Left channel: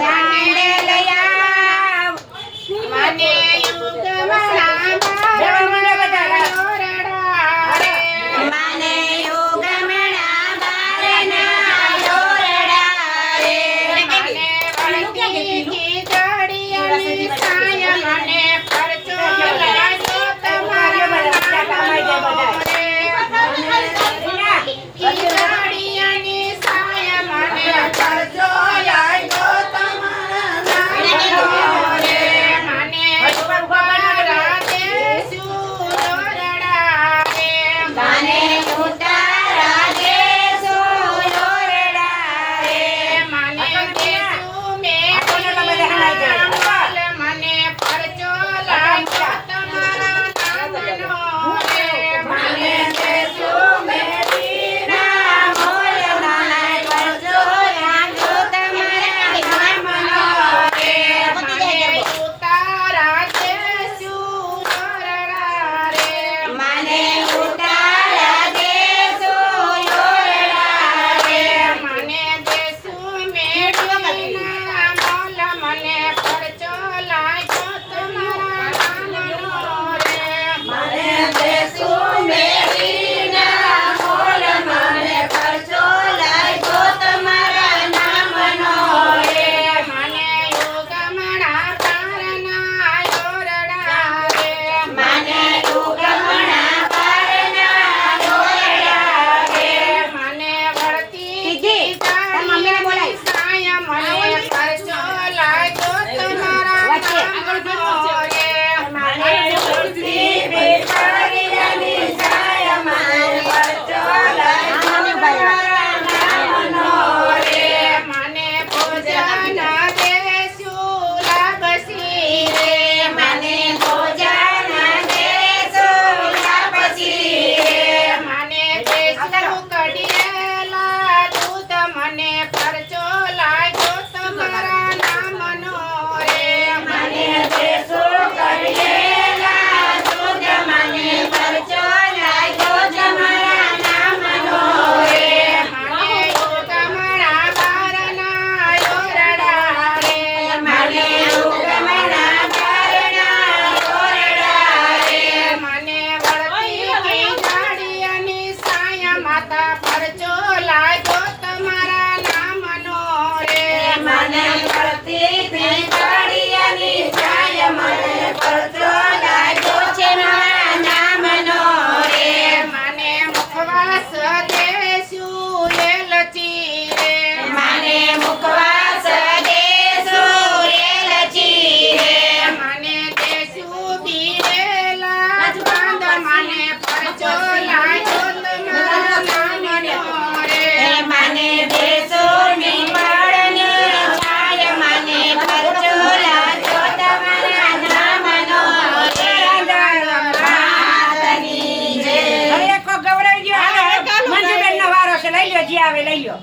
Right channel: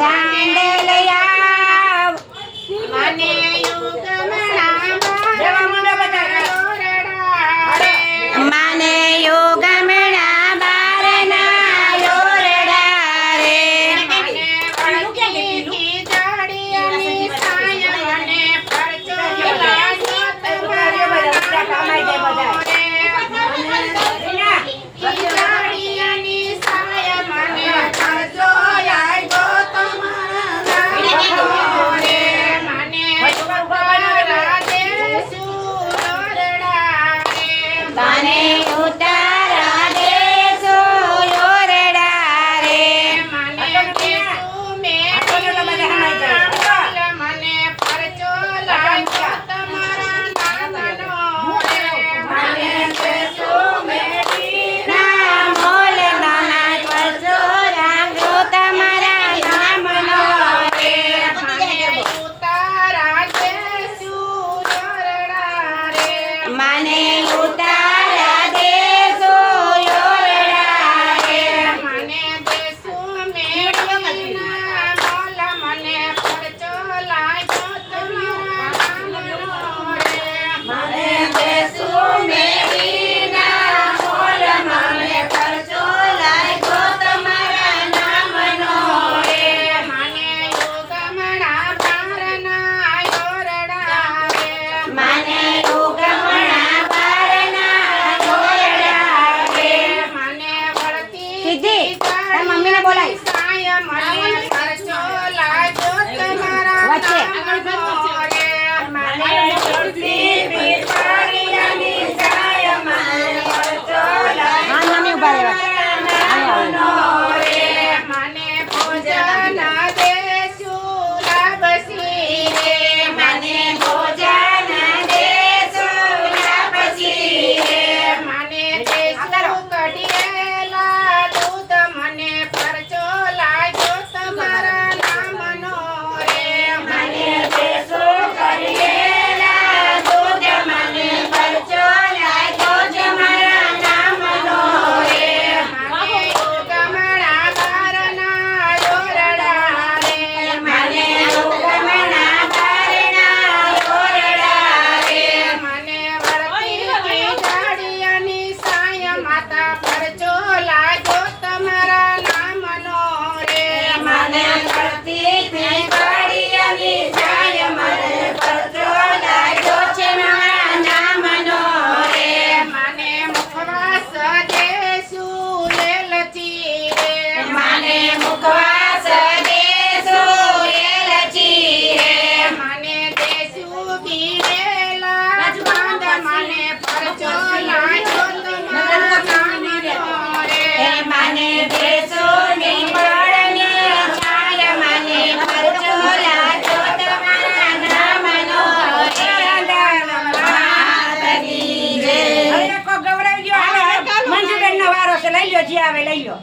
ದಾಂಡಲೆಯ ಮನೆಯುಗ આવે લઈ લ્યો